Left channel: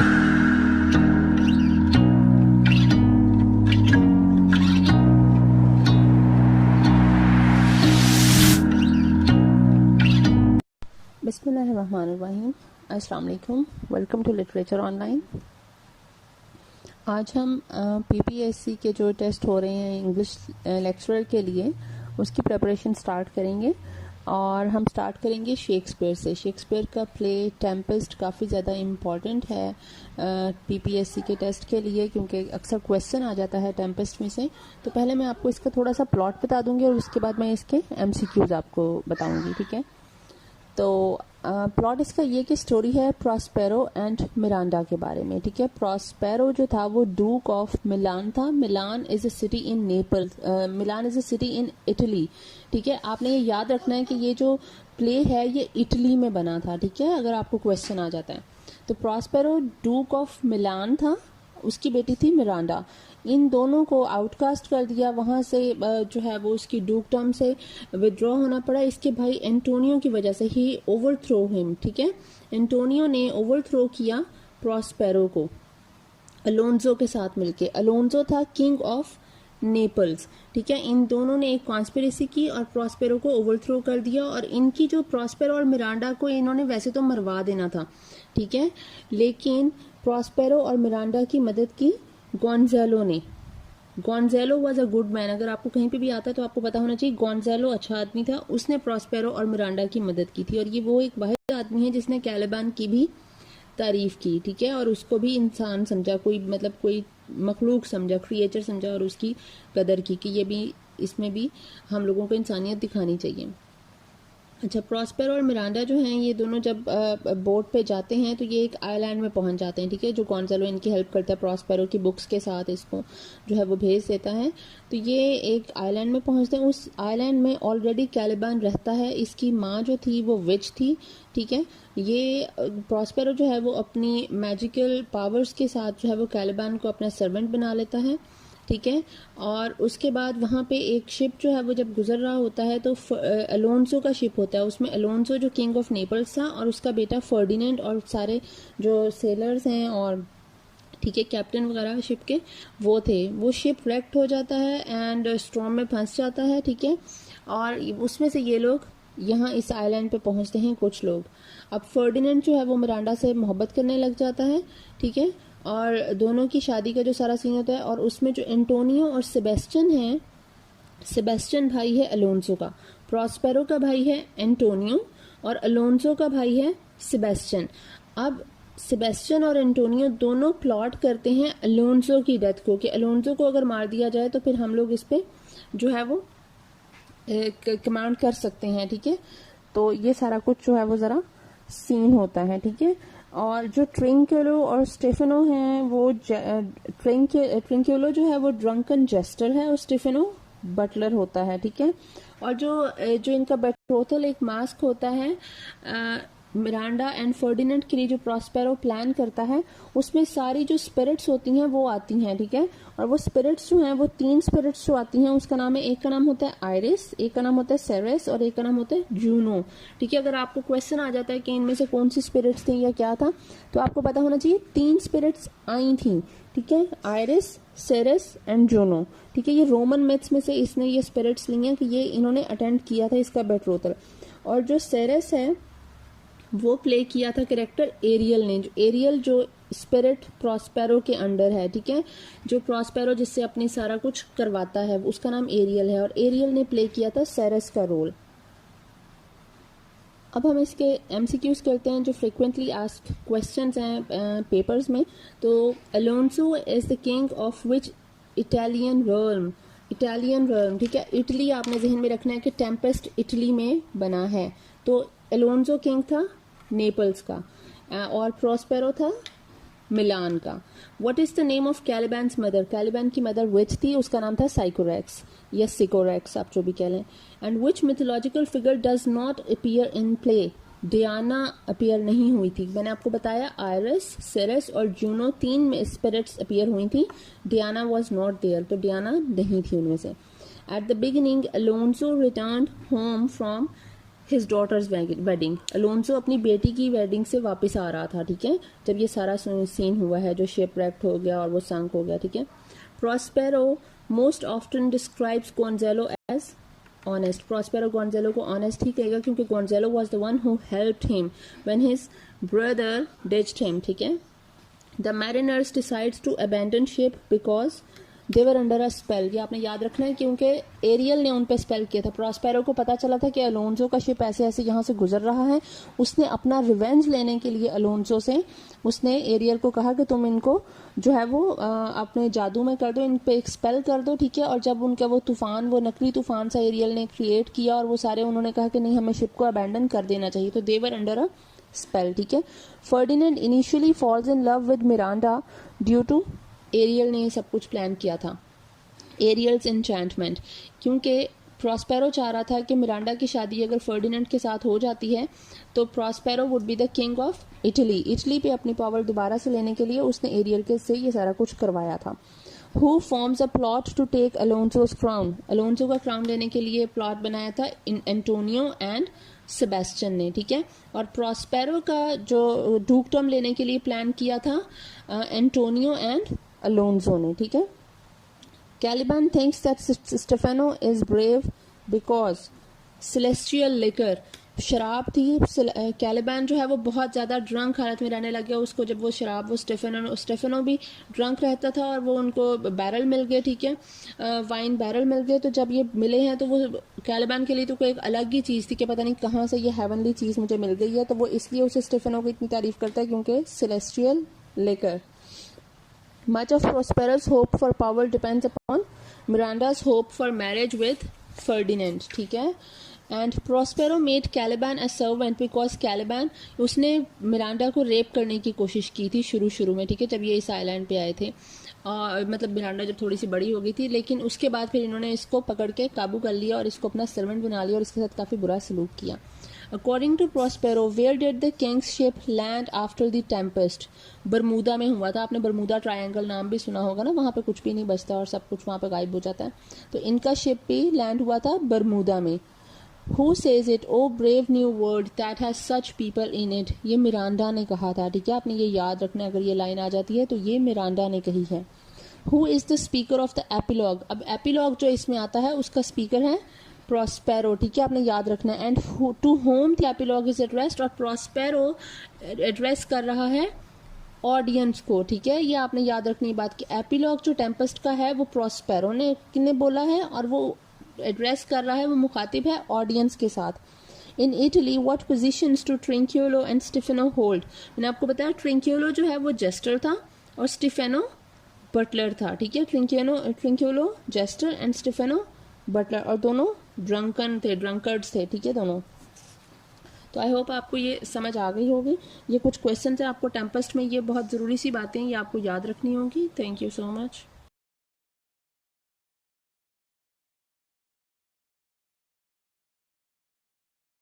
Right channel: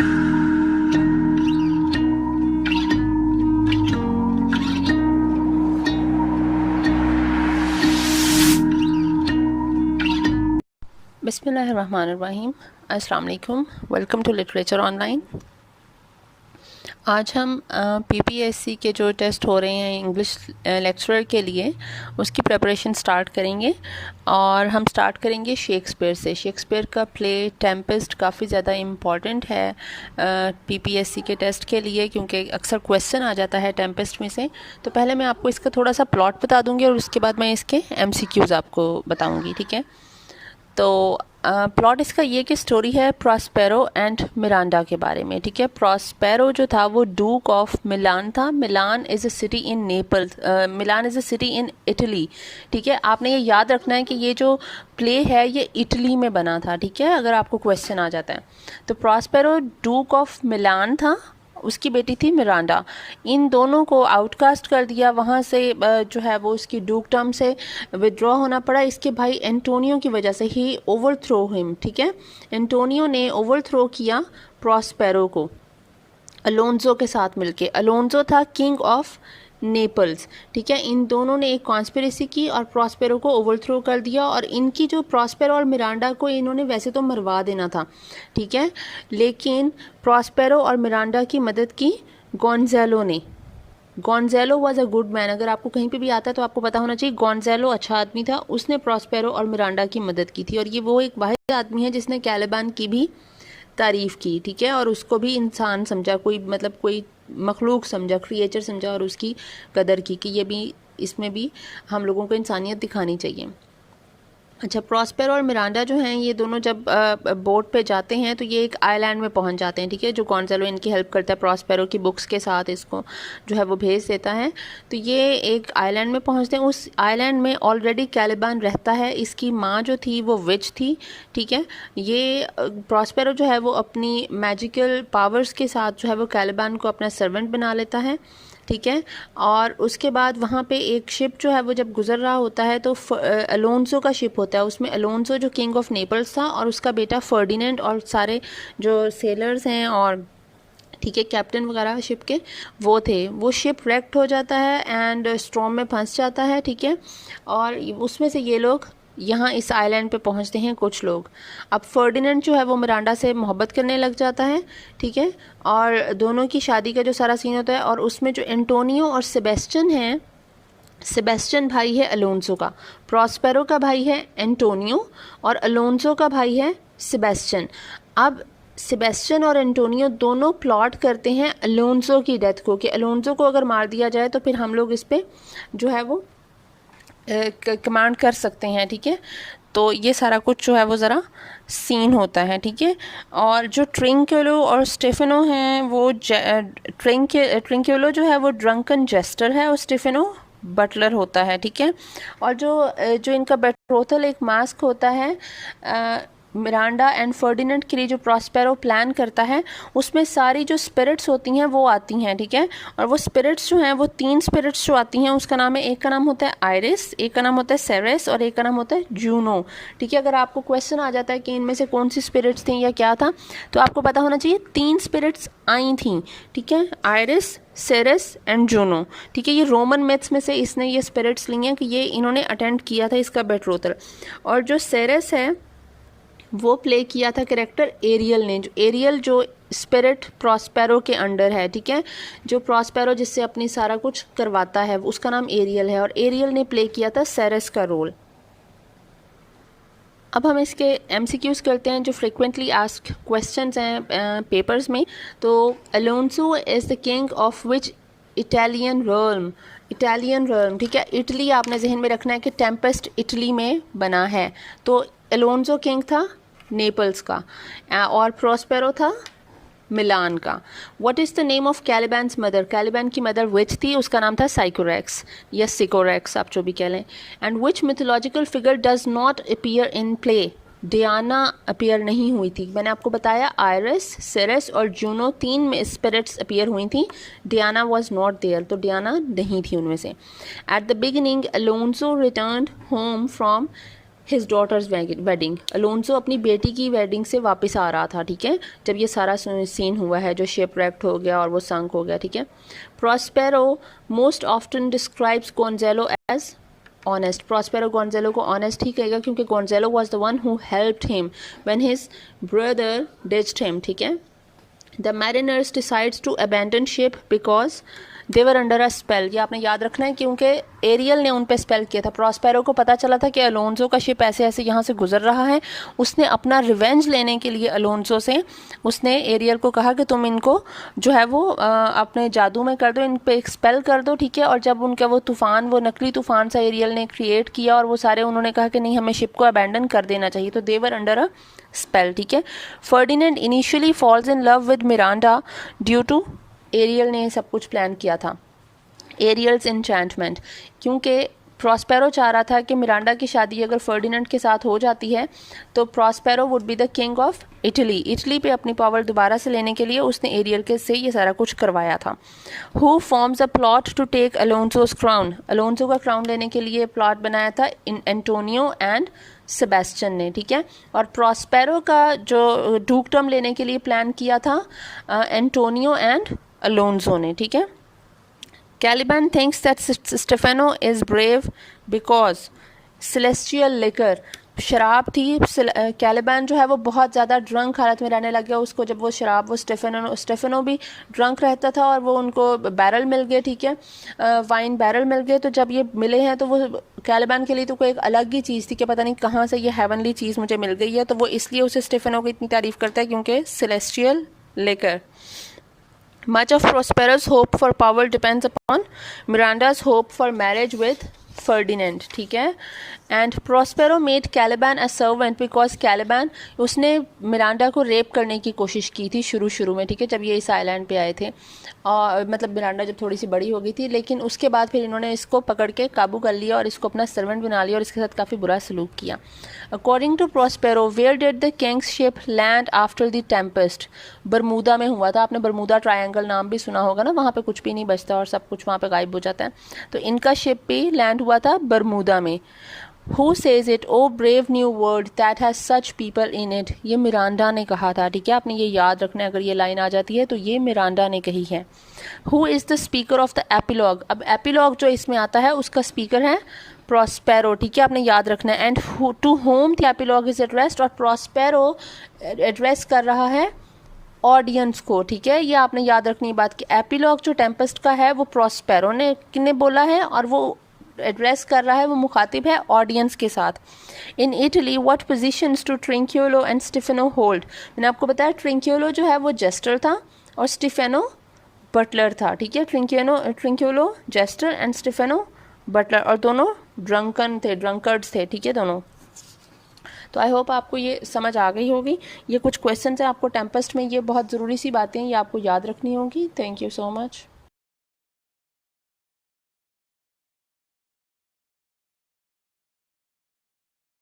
बिस्मिल्लाहिर्रहमानिर्रहीम। अस्सलाम वालेकुम। Welcome to literature online. आज हम पीपीएससी के जो टेस्ट हो रहे हैं इंग्लिश लेक्चरर के लिए उसकी प्रिपरेशन स्टार्ट करेंगे और हम स्टार्ट करेंगे शेक्सपियर से। शेक्सपियर का प्ले टेम्पेस्ट काफ़ी ज़्यादा इम्पॉर्टेंट है पीपीएससी के टेस्ट के लिए, क्योंकि अक्सर क्वेश्चन आ जाता है टेम्पेस्ट में से। तो पहले मैं आपको इसका थोड़ा सा प्लॉट बता दूँगी और उसके बाद मैं इसके एमसीक्यूज़ आपको बताऊँगी, ठीक है। तो प्लॉट इसका ये कि स्टोरी है प्रॉस्पेरो एंड मिरांडा के बारे में, ठीक है। प्रॉस्पेरो जो था वो डूक ऑफ मिलान था। Milan is a city in Naples, Milan is a city in Italy, ठीक है। आपने ये याद रखना है कि ये जो प्ले है ये इटली में बना था, ठीक है, अगर आपको क्वेश्चन आ जाता है। तो प्रॉस्पेरो डूक ऑफ मिलान था, उसकी बेटी थी मिरांडा। इन दोनों को आउटकास्ट कर दिया वहाँ से, जो है वो उसकी डूकटम से विड्रॉ होना पड़ा इसके भाई एंटोनियो की वजह से। ही ओवरथ्रो हिम, ठीक है। एंटोनियो ने ओवरथ्रो किया प्रॉस्पेरो को अलोंजो के साथ मिलके। अलोंजो था किंग ऑफ नेपल्स, ठीक है। इन दोनों ने एक कॉन्स्पिरेसी की और प्रॉस्पेरो को ओवरथ्रो कर दिया। और इनकी जो प्रॉस्पेरो और मिरांडा को इन्होंने वैसे तो मरवा देना था, ठीक है, लेकिन प्रॉस्पेरो और मिरांडा की मदद की गोंज़ालो ने। Gonzalo was a good man. अगर आपको कहीं पे भी आता है तो आपको पता होना चाहिए गोंज़ालो अच्छा आदमी था। उसने प्रॉस्पेरो और मिरांडा की मदद की थी और ये वो एक वाहिद आदमी है जिसने कैलिबान की भी तारीफ़ की, ठीक है, और उसको भी इंसान समझा, कोई मतलब कोई मखलूक समझा, क्रिएचर समझा और उसकी कदर की कि ये भी, इसमें भी हम लोगों को इंसानियत दिखानी चाहिए। अच्छा, प्रॉस्पेरो और मिरांडा जो हैं ये दोनों जब बोट पे जाते हैं तो ये एक आइलैंड में पहुंच जाते हैं, ठीक है। जो गोंज़ालो इनकी हेल्प करता है प्रॉस्पेरो की बुक्स के साथ, इसको जो है वो भेज देता है। तो ये एक आइलैंड में पहुंचते हैं। उस आइलैंड में ऑलरेडी कैलिबान रहता है। इसकी माँ जो थी वो विच थी, ठीक है। ये प्रॉस्पेरो जो है वो अपनी मैजिकल पावर्स के साथ जो है वो कैलिबान को अपना सर्वेंट बना लेता है, ठीक है। और उसके बाद वहाँ पे एक शिप जो है वो जब गुजर रहा होता है तो अलोंसो का शिप होता है। उसमें अलोंसो जो किंग ऑफ नेपल्स था और उसका बेटा फर्डिनेंड और सारे जो सेलर्स हैं और, ठीक है, कैप्टन वगैरह शिप के वो थे। वो शिप रेक्ट हो जाता है एंड स्टॉर्म में फंस जाता है, ठीक है। और उसमें से ये लोग यहाँ इस आइलैंड पे पहुँचते हैं कुछ लोग। अब फर्डिनेंड जो है वो मिरांडा से मोहब्बत करने लग जाता है, ठीक है, और दोनों की शादी का जो सारा सीन होता है। और उसमें जो एंटोनियो और सेबेस्टियन हैं, सेबेस्टियन भाई है अलोंसो का, प्रॉस्पेरो का भाई है एंटोनियो और अलोंसो का भाई है सेबेस्टियन। अब सेबेस्टियन और एंटोनियो दोनों प्लॉट करते हैं अलोंसो की डेथ को, कि अलोंसो को अगर मार दिया जाए तो फिर हम लोग इस पर जो है वो कमांड कर सकते हैं, ठीक है। तो ये सारा कुछ जो है वो ज़रा सीन होता है, ठीक है। और जो ट्रिंक्युलो और स्टेफेनो हैं वो ट्रिंक्युलो जो है वो ड्रंकन जेस्टर है और स्टेफेनो बटलर होता है, ठीक है। और जो इनका बेट्रोथल एक मास्क होता है मिरांडा एंड फर्डिनेंड के लिए जो प्रॉस्पेरो प्लान करता है, उसमें सारी जो स्पिरिट्स होती हैं वो आती हैं, ठीक है। और वो स्पिरिट्स जो हैं वो 3 स्पिरिट्स जो आती हैं उसका नाम है, एक का नाम होता है आयरिस, एक का नाम होता है सेरेस और एक का नाम होता है जूनो, ठीक है। अगर आपको क्वेश्चन आ जाता है कि इनमें से कौन सी स्पिरिट्स थी या क्या था, तो आपको पता होना चाहिए 3 स्पिरिट्स आई थी, ठीक है, आयरिस, सेरेस एंड जूनो, ठीक है। ये रोमन मिथ्स में से इसने ये स्पिरिट्स ली हैं कि ये इन्होंने अटेंड किया था इसका बेट्रोथल। और जो सेरेस है वो प्ले किया था कैरेक्टर एरियल ने। जो एरियल जो स्पिरिट प्रॉस्पेरो के अंडर है, ठीक है, जो प्रॉस्पेरो जिससे अपनी सारा कुछ करवाता है उसका नाम एरियल है और एरियल ने प्ले किया था सेरेस का रोल। अब हम इसके एमसीक्यूज़ करते हैं जो फ्रिक्वेंटली आस्क्ड क्वेश्चंस हैं पेपर्स में। तो Alonso is the king of which Italian realm, Italian realm, ठीक है। इटली आपने जहन में रखना है कि टेम्पेस्ट इटली में बना है। तो अलोंसो किंग था नेपल्स का और प्रॉस्पेरो था मिलान का। What is the name of Caliban's mother, Caliban की मदर विच थी, उसका नाम था साइकोरेक्स या सिकोरेक्स, आप जो भी कह लें। And which mythological figure does not appear in play, Diana appear नहीं हुई थी। मैंने आपको बताया आयरिस, सेरेस और जूनो 3 में स्पिरिट्स अपीयर हुई थी, डियाना वॉज नॉट देयर, तो डियाना नहीं थी उनमें से। At the beginning Alonso returned home from his daughter's wedding, Alonso अपनी बेटी की वेडिंग से वापस आ रहा था, ठीक है, जब ये सारा सीन हुआ है जो शिपरेक्ट हो गया और वो संक हो गया, ठीक है। Prospero most often describes Gonzalo as honest, Prospero Gonzalo को ऑनेस्ट ही कहेगा क्योंकि Gonzalo was the one who helped him when his brother ditched him, ठीक है। The mariners decides to abandon ship because they were under a spell, ये आपने याद रखना है क्योंकि एरियल ने उन पे स्पेल किया था। प्रॉस्पेरो को पता चला था कि अलोंसो का शिप ऐसे ऐसे यहाँ से गुजर रहा है, उसने अपना रिवेंज लेने के लिए अलोंसो से उसने एरियल को कहा कि तुम इनको जो है वो अपने जादू में कर दो, इन पे स्पेल कर दो, ठीक है। और जब उनका वो तूफान, वो नकली तूफान सा एरियल ने क्रिएट किया और वो सारे उन्होंने कहा कि नहीं हमें शिप को अबैंडन कर देना चाहिए, तो दे वर अंडर अ स्पेल, ठीक है। Ferdinand initially falls in love with Miranda due to, Ariel ने सब कुछ प्लान किया था, एरियल्स एन्चेंटमेंट, क्योंकि प्रॉस्पेरो चाह रहा था कि मिरांडा की शादी अगर फर्डिनेंड के साथ हो जाती है तो Prospero would be the king of Italy, Italy पे अपनी पावर दोबारा से लेने के लिए उसने एरियल के से ये सारा कुछ करवाया था। Who forms a plot to take Alonso's crown, Alonso का क्राउन लेने के लिए प्लॉट बनाया था इन एंटोनियो एंड सेबेस्टियन ने, ठीक है। और प्रॉस्पेरो का जो डूकडम लेने के लिए प्लान किया था एंटोनियो एंड अलोंसो ने, ठीक है। Caliban thinks that Stefano is brave because celestial liquor, शराब थी, कैलिबैन जो है वो बहुत ज़्यादा ड्रंक हालत में रहने लग गया, उसको जब वो शराब, वो स्टेफेनो भी ड्रंक रहता था और वो उनको बैरल मिल गए, ठीक है, वाइन बैरल मिल गए। तो जब ये मिले हैं तो वो कैलिबैन के लिए तो कोई एक अलग ही चीज़ थी कि पता नहीं कहाँ से ये हेवनली चीज़ मुझे मिल गई है, तो वो इसलिए उसे स्टेफेनो की इतनी तारीफ़ करता है क्योंकि सेलेस्टियल लेकर। Much of Prospero's hope for power depends upon Miranda's hope for marriage with Ferdinand, ठीक है। And Prospero made Caliban a servant because Caliban, उसने मिरांडा को रेप करने की कोशिश की थी शुरू में, ठीक है, जब ये इस आइलैंड पे आए थे, और मतलब मिरांडा जब थोड़ी सी बड़ी हो गई थी, लेकिन उसके बाद फिर इन्होंने इसको पकड़ के काबू कर लिया और इसको अपना सर्वेंट बना लिया और इसके साथ काफ़ी बुरा सलूक किया। According to Prospero, where did the king's ship land after the tempest, Bermuda में हुआ था, आपने बरमूदा ट्रायंगल नाम भी सुना होगा ना, वहाँ पे कुछ भी नहीं बचता और सब कुछ वहाँ पे गायब हो जाता है, तो इनका शिप भी लैंड हुआ था बरमूदा में। Who says it? Oh brave new world that has such people in it. ये मिरांडा ने कहा था, ठीक है, आपने ये याद रखना है, अगर ये लाइन आ जाती है तो ये मिरांडा ने कही है। Who is the speaker of the epilogue? अब एपिलॉग जो इसमें आता है उसका स्पीकर है प्रॉस्पेरो, ठीक है, आपने याद रखना है। And to whom the epilogue is addressed, और प्रॉस्पेरो एड्रेस कर रहा है ऑडियंस को, ठीक है, ये आपने याद रखनी बात कि एपिलॉग जो टेम्पेस्ट का है वो प्रॉस्पेरो ने बोला है और वो एड्रेस कर रहा है, वो मुखातिब है ऑडियंस के साथ। In Italy what positions do Trinculo and Stephano hold, मैंने आपको बताया ट्रिंक्यूलो जो है वो जेस्टर था और स्टेफेनो बटलर था, ठीक है, Trinculo gesture and Stephano Buttler, और दोनों ड्रंकर्ड्स थे, ठीक है, दोनों। तो आई होप आपको ये समझ आ गई होगी। ये कुछ क्वेश्चन हैं आपको टेम्पेस्ट में, ये बहुत ज़रूरी सी बातें ये आपको याद रखनी होगी। Thank you so much.